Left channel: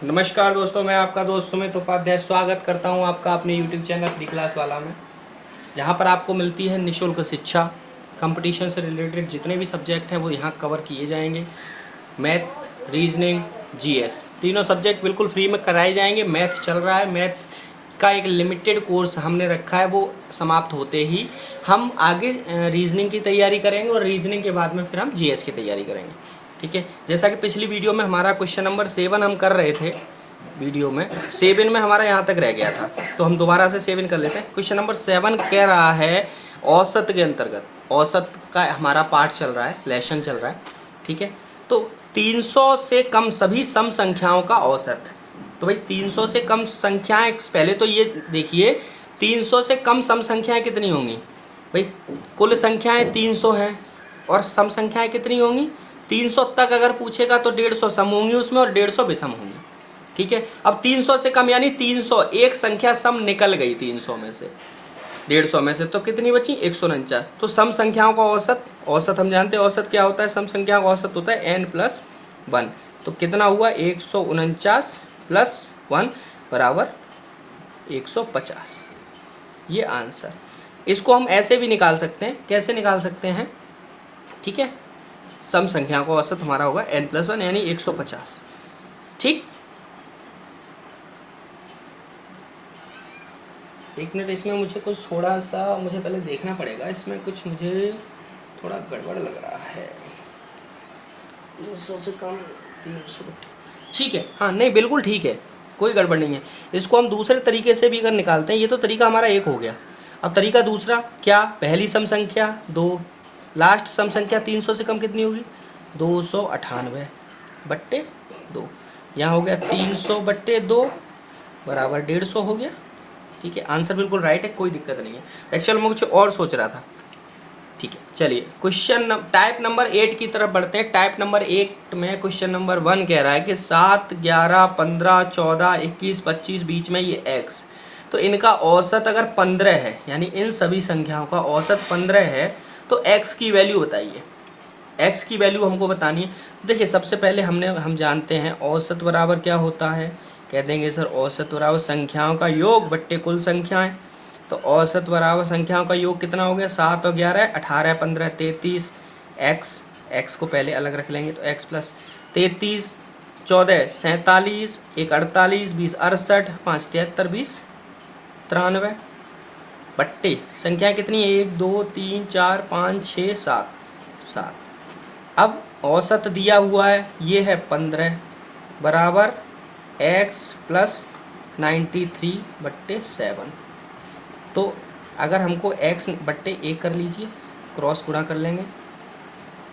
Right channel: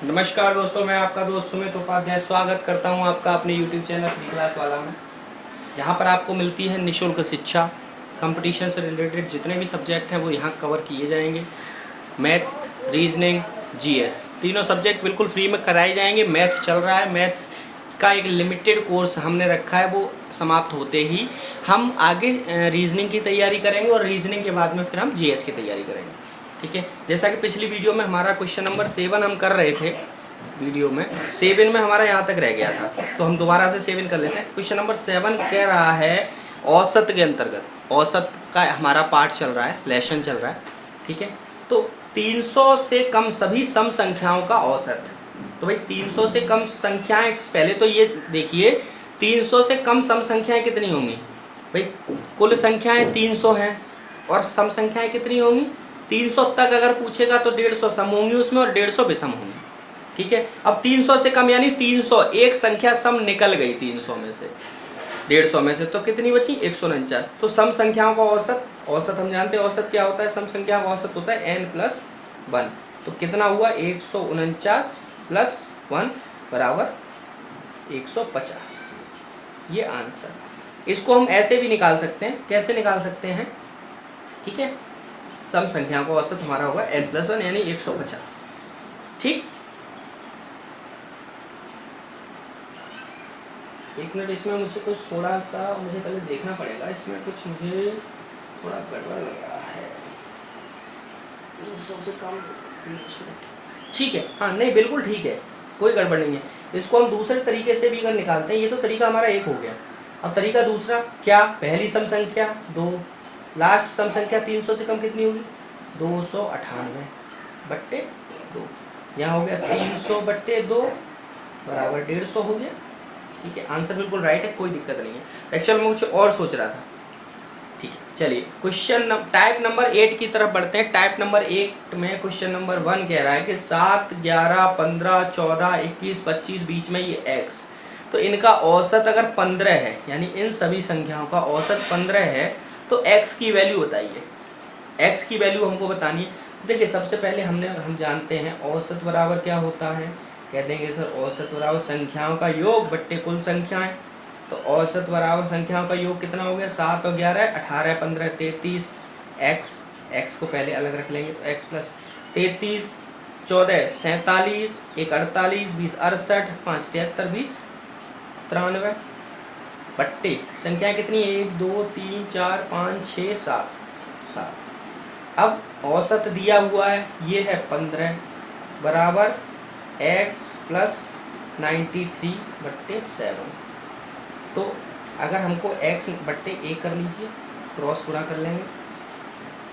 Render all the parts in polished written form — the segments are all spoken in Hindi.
नमस्कार दोस्तों, मैं आपका दोस्त सुमित उपाध्याय स्वागत करता हूं आपका अपने YouTube चैनल फ्री क्लास वाला में, जहां पर आपको मिलती है निःशुल्क शिक्षा। कंपटीशन से रिलेटेड जितने भी सब्जेक्ट हैं वो यहां कवर किए जाएंगे। मैथ, रीजनिंग, जीएस तीनों सब्जेक्ट बिल्कुल फ्री में कराए जाएंगे। मैथ चल रहा है, मैथ का एक लिमिटेड कोर्स हमने रखा है, वो समाप्त होते ही हम आगे रीजनिंग की तैयारी करेंगे और रीजनिंग के बाद में फिर हम जीएस की तैयारी करेंगे। ठीक है, जैसा कि पिछली वीडियो में हमारा क्वेश्चन नंबर 7 हम कर रहे थे। वीडियो में 7 में हमारा यहाँ तक रह गया था, तो हम दोबारा से 7 कर लेते हैं। क्वेश्चन नंबर 7 कह रहा है औसत के अंतर्गत, औसत का हमारा पार्ट चल रहा है, लेसन चल रहा है। ठीक है, तो 300 से कम सभी सम संख्याओं का औसत। तो भाई 300 से कम संख्याएं, पहले तो ये देखिए 300 से कम सम संख्याएं कितनी होंगी। भाई कुल संख्याएं 300 हैं और सम संख्याएं कितनी होंगी 300 तक। अगर पूछेगा तो 150 सम होंगी उसमें और 150 विषम होंगी। ठीक है, अब 300 से कम यानी 300 एक संख्या सम निकल गई 300 में से, 150 में से, तो कितनी बची 149। तो सम संख्याओं का औसत, औसत हम जानते हैं औसत क्या होता है, सम संख्याओं का औसत होता है n+1। तो कितना हुआ 149 + 1 बराबर 150। ये आंसर। इसको हम ऐसे भी निकाल सकते हैं, कैसे निकाल सकते हैं। ठीक है, सम संख्याओं का औसत हमारा होगा n+1 यानी 150। ठीक, एक मिनट, इसमें मुझे कुछ थोड़ा सा मुझे पहले देखना पड़ेगा, इसमें कुछ मुझे थोड़ा गड़बड़ लग रहा है। 300 से कम 300। ठीक है, हाँ नहीं बिल्कुल ठीक है, कोई गड़बड़ नहीं है। इसको हम दूसरे तरीके से भी अगर निकालते हैं, ये तो तरीका हमारा एक हो गया। अब तरीका दूसरा क्या, पहली सम संख्या 2, लास्ट सम संख्या 300 से कम कितनी होगी 298/2। यहाँ हो गया 300/2 बराबर 150 हो गया। ठीक है, आंसर बिल्कुल राइट है, कोई दिक्कत नहीं है। एक्चुअल में कुछ और सोच रहा था। ठीक है, चलिए क्वेश्चन टाइप नंबर 8 की तरफ बढ़ते हैं। टाइप नंबर 8 में क्वेश्चन नंबर 1 कह रहा है कि 7, 11, 15, 14, 21, 25 बीच में ये x, तो इनका औसत अगर 15 है, यानी इन सभी संख्याओं का औसत 15 है, तो x की वैल्यू बताइए। x की वैल्यू हमको बतानी है। देखिए सबसे पहले हम जानते हैं औसत बराबर क्या होता है। कह देंगे सर औसत बराबर संख्याओं का योग बट्टे कुल संख्याएं। तो औसत बराबर संख्याओं का योग कितना हो गया 7 और 11, 18, 15, 33। x को पहले अलग रख लेंगे, तो x + 33, 14, 47, 1, 48, 20, 68, 5, 73, 20, 93 बट्टे संख्या कितनी है 1, 2, 3, 4, 5, 6, 7, 7। अब औसत दिया हुआ है, ये है 15 बराबर x + 93/7। तो अगर हमको x/1 कर लीजिए, क्रॉस गुणा कर लेंगे,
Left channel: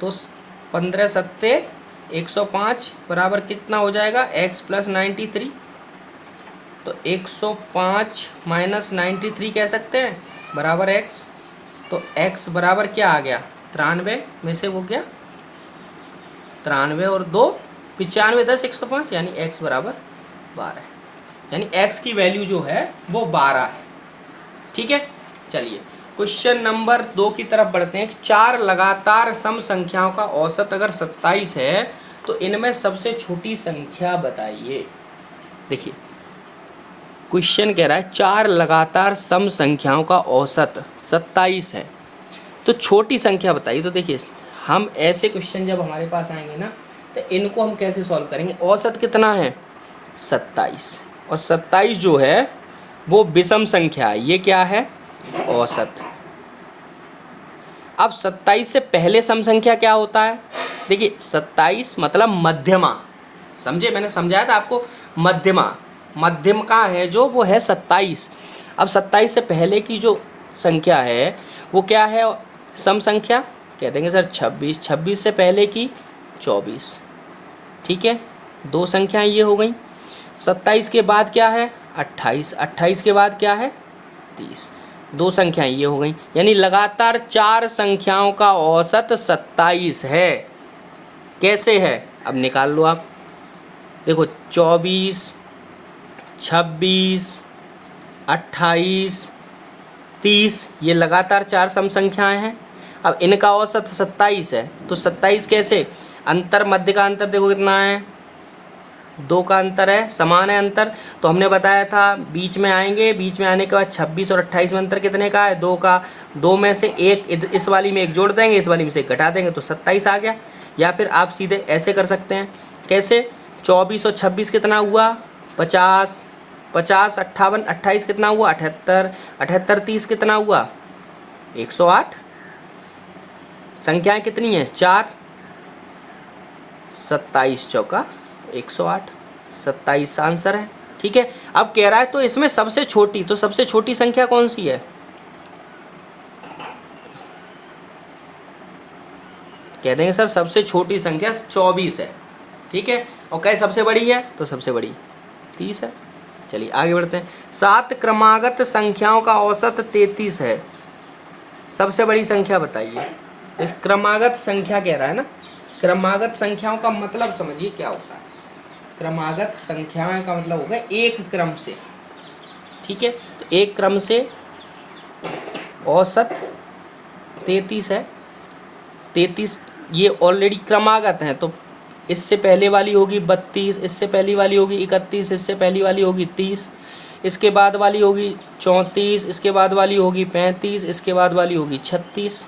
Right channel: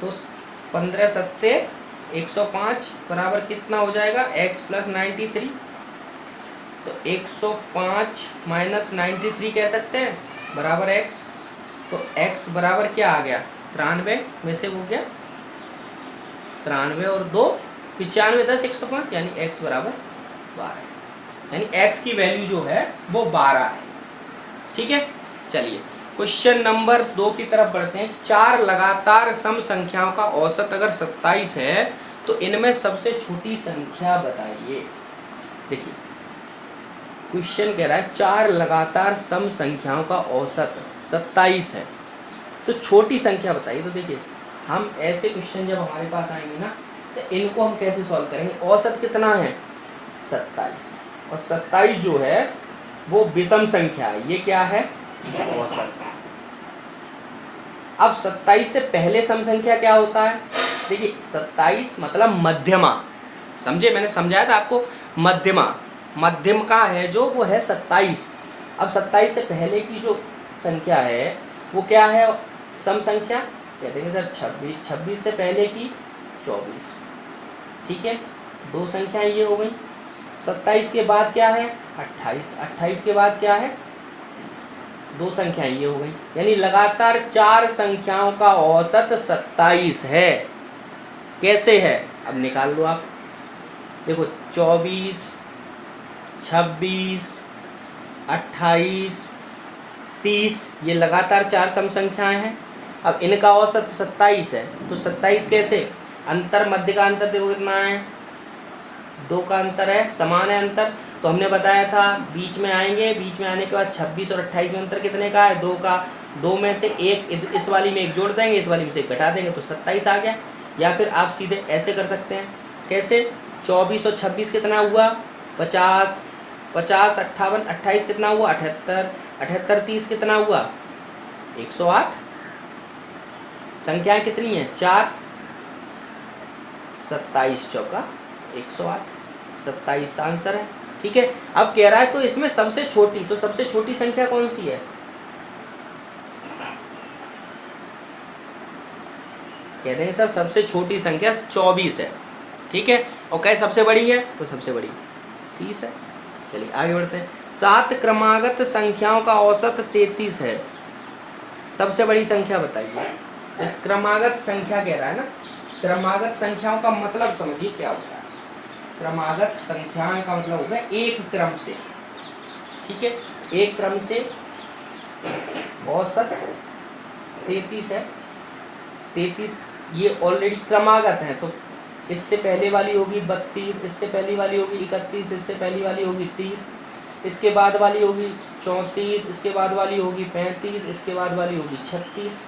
तो 15 सत्ते 105 बराबर कितना हो जाएगा x + 93। तो 105 - 93 कह सकते हैं बराबर x। तो x बराबर क्या आ गया 93 में से, वो गया 93 और 2 95, 10, 105, यानी x बराबर 12, यानी x की वैल्यू जो है वो 12 है। ठीक है, चलिए क्वेश्चन नंबर 2 की तरफ बढ़ते हैं। 4 लगातार सम संख्याओं का औसत अगर 27 है, तो इनमें सबसे छोटी संख्या बताइए। देखिए क्वेश्चन कह रहा है 4 लगातार सम संख्याओं का औसत 27 है, तो छोटी संख्या बताइए। तो देखिए हम ऐसे क्वेश्चन जब हमारे पास आएंगे ना, तो इनको हम कैसे सॉल्व करेंगे। औसत कितना है 27, और 27 जो है वो विषम संख्या है, ये क्या है औसत। अब 27 से पहले सम संख्या क्या होता है। देखिए 27 मतलब मध्यमा, समझे, मैंने समझाया था आपको। मध्यमा, मध्यम का है जो, वो है 27। अब 27 से पहले की जो संख्या है वो क्या है सम संख्या, कह देंगे सर 26। 26 से पहले की 24। ठीक है, दो संख्याएं ये हो गई। 27 के बाद क्या है 28, 28 के बाद क्या है 30, दो संख्याएं ये हो गई। यानी लगातार 4 संख्याओं का औसत 27 है। कैसे है, अब निकाल लो आप। देखो 24, 26, 28, 30, ये लगातार 4 सम संख्याएं हैं। अब इनका औसत 27 है, तो 27 कैसे, अंतर, मध्य का अंतर देखो कितना है 2 का अंतर है, समान है अंतर। तो हमने बताया था बीच में आएंगे, बीच में आने के बाद 26 और 28 में अंतर कितने का है? 2 का। 2 में से एक इस वाली में एक जोड़ देंगे, इस वाली में से एक घटा देंगे तो 27 आ गया। या फिर आप सीधे ऐसे कर सकते हैं, कैसे? 24 और 26 कितना हुआ? 50। 50 58 28 कितना हुआ? 78। 78 30 कितना हुआ? 108। संख्याएं कितनी हैं? 4। 27 चौका 108, 27 आंसर है। ठीक है। अब कह रहा है तो इसमें सबसे छोटी, तो सबसे छोटी संख्या कौन सी है? कह देंगे सर सबसे छोटी संख्या 24 है। ठीक है। और क्या सबसे बड़ी है? तो सबसे बड़ी 30 है। चलिए आगे बढ़ते हैं। 7 क्रमागत संख्याओं का औसत 33 है। सबसे बड़ी संख्या बताइए। इस क्रमागत संख्या कह रहा है ना, क्रमागत संख्याओं का मतलब समझिए क्या होता है। क्रमागत संख्याएं का मतलब होगा एक क्रम से। ठीक है। एक क्रम से औसत 33 है। 33 ये ऑलरेडी क्रमागत हैं, तो इससे पहले वाली होगी 32, इससे पहली वाली होगी 31, इससे पहली वाली होगी 30, इसके बाद वाली होगी 34, इसके बाद वाली होगी 35, इसके बाद वाली होगी 36।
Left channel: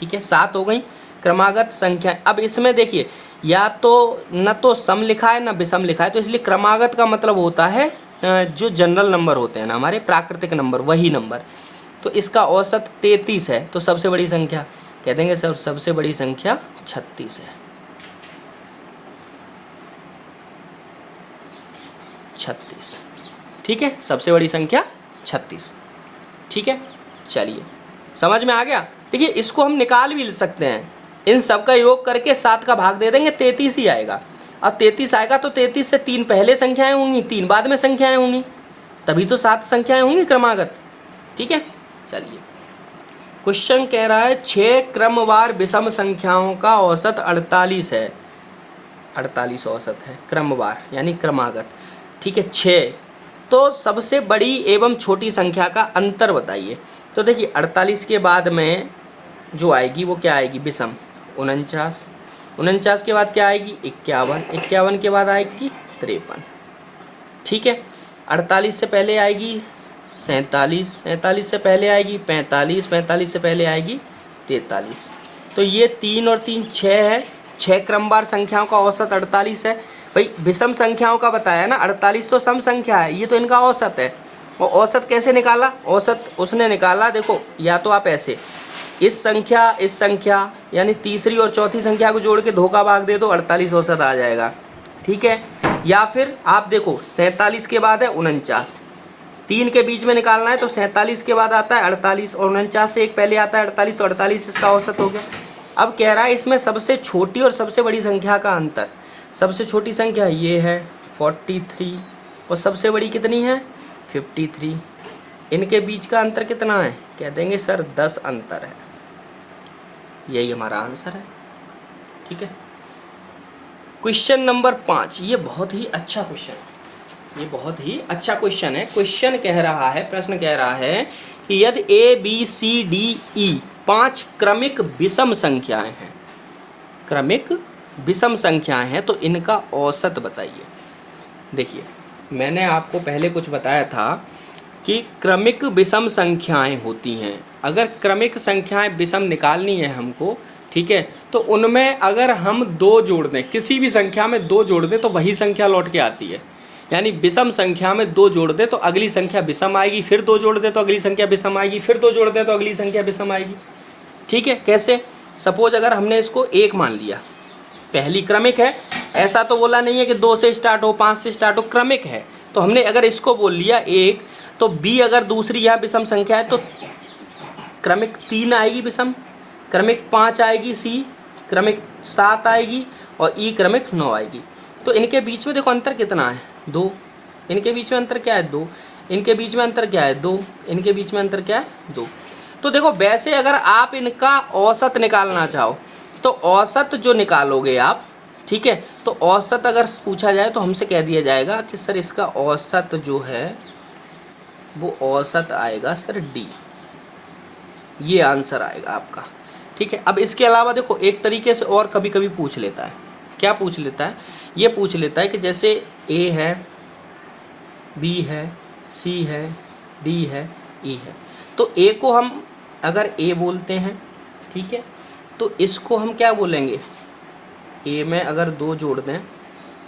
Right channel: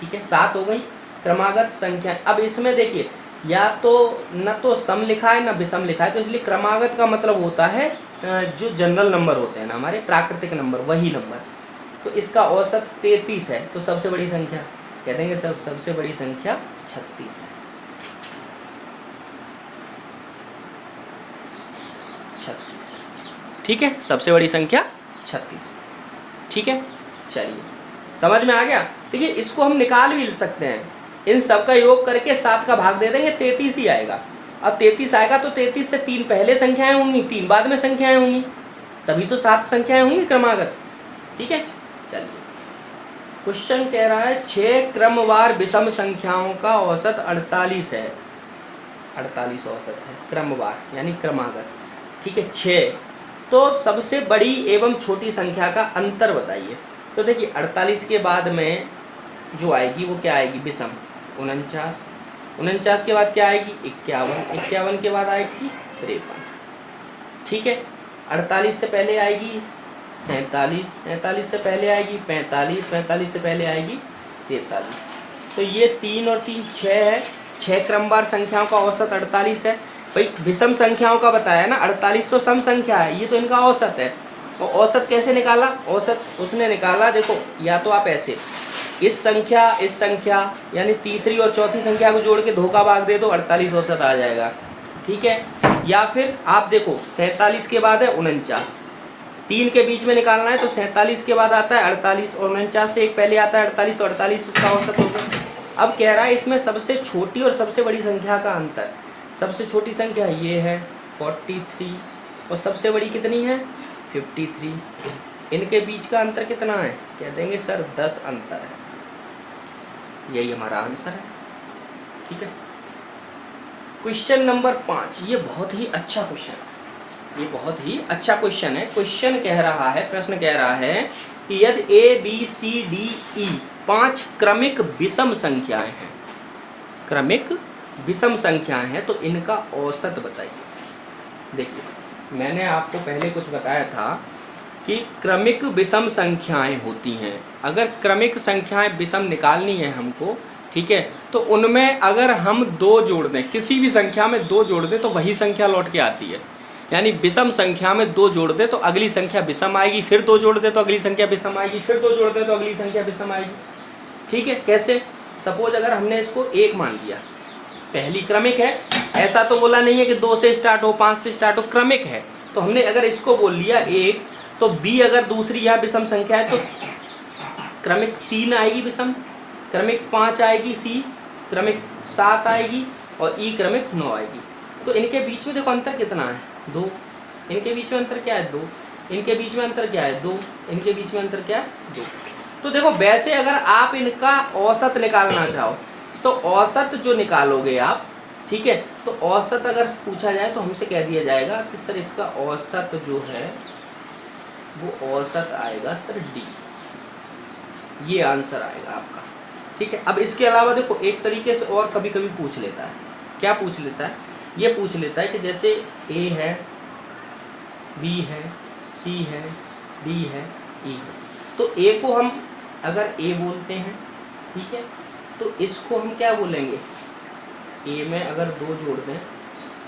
ठीक है। 7 हो गई क्रमागत संख्या। अब इसमें देखिए या तो न तो सम लिखा है न विषम लिखा है, तो इसलिए क्रमागत का मतलब होता है जो जनरल नंबर होते हैं ना हमारे प्राकृतिक नंबर, वही नंबर। तो इसका औसत 33 है, तो सबसे बड़ी संख्या कह देंगे सबसे बड़ी संख्या 36 है। 36। ठीक है। सबसे बड़ी संख्या 36। ठीक है। चलिए समझ में आ गया। देखिए इसको हम निकाल भी सकते हैं, इन सब का योग करके 7 का भाग दे देंगे, 33 ही आएगा। अब 33 आएगा तो 33 से 3 पहले संख्याएं होंगी, 3 बाद में संख्याएं होंगी, तभी तो 7 संख्याएं होंगी क्रमागत। ठीक है। चलिए क्वेश्चन कह रहा है 6 क्रमवार विषम संख्याओं का औसत 48 है। 48 औसत है क्रमवार यानी क्रमागत। ठीक है। 6 तो सबसे बड़ी एवं छोटी संख्या का अंतर बताइए। तो देखिए 48 के बाद में जो आएगी वो क्या आएगी? विषम 49। 49 के बाद क्या आएगी? 51। 51 के बाद आएगी 53। ठीक है। 48 से पहले आएगी 47। 47 से पहले आएगी 45। 45 से पहले आएगी 43। तो ये 3 और 3 6 है। 6 क्रमवार संख्याओं का औसत 48 है। भाई विषम संख्याओं का बताया ना, 48 तो सम संख्या है, ये तो इनका औसत है। और औसत कैसे निकाला? औसत उसने निकाला, देखो या तो आप ऐसे इस संख्या यानी तीसरी और चौथी संख्या को जोड़ के धोखा भाग दे दो, 48 औसत आ जाएगा। ठीक है। या फिर आप देखो 47 के बाद है 49, 3 के बीच में निकालना है तो 47 के बाद आता है 48 और 49 से एक पहले आता है 48, तो 48 इसका औसत हो गया। अब कह रहा है इसमें सबसे छोटी और सबसे बड़ी संख्या का अंतर। सबसे छोटी संख्या ये है 43 और सबसे बड़ी कितनी है? 53। इनके बीच का अंतर कितना है? कह देंगे सर 10 अंतर है। यही हमारा आंसर है। ठीक है। क्वेश्चन नंबर 5, ये बहुत ही अच्छा क्वेश्चन है, ये बहुत ही अच्छा क्वेश्चन है। क्वेश्चन कह रहा है, प्रश्न कह रहा है कि यदि ABCDE 5 क्रमिक विषम संख्याएं हैं, क्रमिक विषम संख्याएं हैं, तो इनका औसत बताइए। देखिए मैंने आपको पहले कुछ बताया था कि क्रमिक विषम संख्याएं होती हैं। अगर क्रमिक संख्याएं विषम निकालनी है हमको, ठीक है, तो उनमें अगर हम 2 जोड़ दें, किसी भी संख्या में 2 जोड़ दें तो वही संख्या लौट के आती है। यानी विषम संख्या में 2 जोड़ दें तो अगली संख्या विषम आएगी, फिर 2 जोड़ दें तो अगली संख्या विषम आएगी, फिर 2 जोड़ दें तो अगली संख्या विषम आएगी। ठीक है। कैसे? सपोज अगर हमने इसको 1 मान लिया, पहली क्रमिक है, ऐसा तो बोला नहीं है कि 2 से स्टार्ट हो 5 से स्टार्ट हो, क्रमिक है। तो हमने अगर इसको बोल लिया 1, तो B अगर दूसरी यहाँ विषम संख्या है तो क्रमिक 3 आएगी विषम, क्रमिक 5 आएगी C, क्रमिक 7 आएगी और E क्रमिक 9 आएगी। तो इनके बीच में देखो अंतर कितना है? 2। इनके बीच में अंतर क्या है? 2। इनके बीच में अंतर क्या है? 2। इनके बीच में अंतर क्या है? 2। तो देखो वैसे अगर आप इनका औसत निकालना चाहो तो औसत जो निकालोगे आप, ठीक है, तो औसत अगर पूछा जाए तो हमसे कह दिया जाएगा कि सर इसका औसत जो है वो औसत आएगा सर D। ये आंसर आएगा आपका। ठीक है। अब इसके अलावा देखो एक तरीके से और कभी कभी पूछ लेता है। क्या पूछ लेता है ये पूछ लेता है कि जैसे ए है, बी है, सी है, डी है, ई है। तो ए को हम अगर ए बोलते हैं, ठीक है, तो इसको हम क्या बोलेंगे, ए में अगर 2 जोड़ दें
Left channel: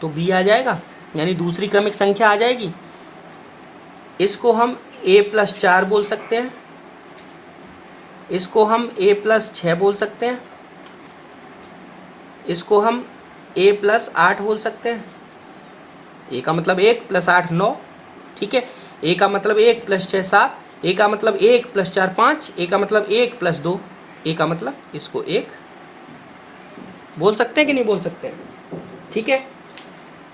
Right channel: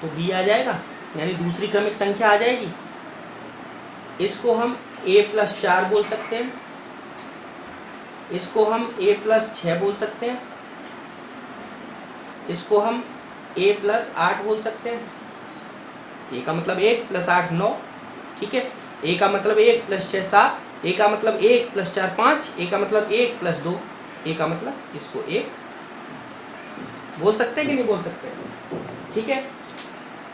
तो बी आ जाएगा, यानी दूसरी क्रमिक संख्या आ जाएगी। इसको हम a+4 बोल सकते हैं, इसको हम a+6 बोल सकते हैं, इसको हम a+8 बोल सकते हैं। ए का मतलब 1 + 8 9, ठीक है। ए का मतलब 1 + 6 7, ए का मतलब 1 + 4 5, ए का मतलब 1 + 2, ए का मतलब इसको 1 बोल सकते हैं कि नहीं बोल सकते हैं, ठीक है।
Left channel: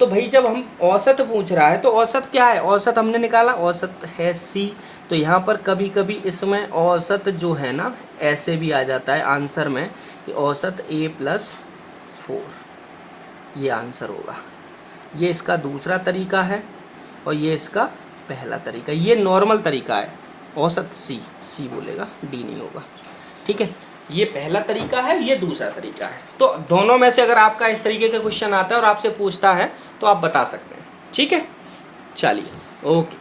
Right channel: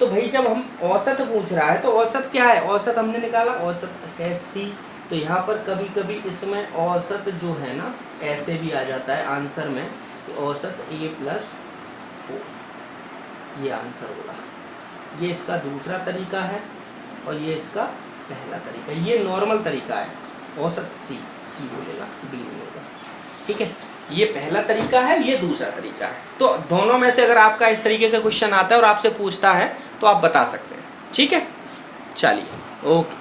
तो भाई जब हम औसत पूछ रहा है तो औसत क्या है, औसत हमने निकाला, औसत है सी। तो यहाँ पर कभी कभी इसमें औसत जो है ना ऐसे भी आ जाता है आंसर में कि औसत a+4, ये आंसर होगा। ये इसका दूसरा तरीका है और ये इसका पहला तरीका, ये नॉर्मल तरीका है। औसत सी बोलेगा, डी नहीं होगा, ठीक है। ये पहला तरीका है, ये दूसरा तरीका है। तो दोनों में से अगर आपका इस तरीके का क्वेश्चन आता है और आपसे पूछता है तो आप बता सकते हैं, ठीक है। चलिए, ओके।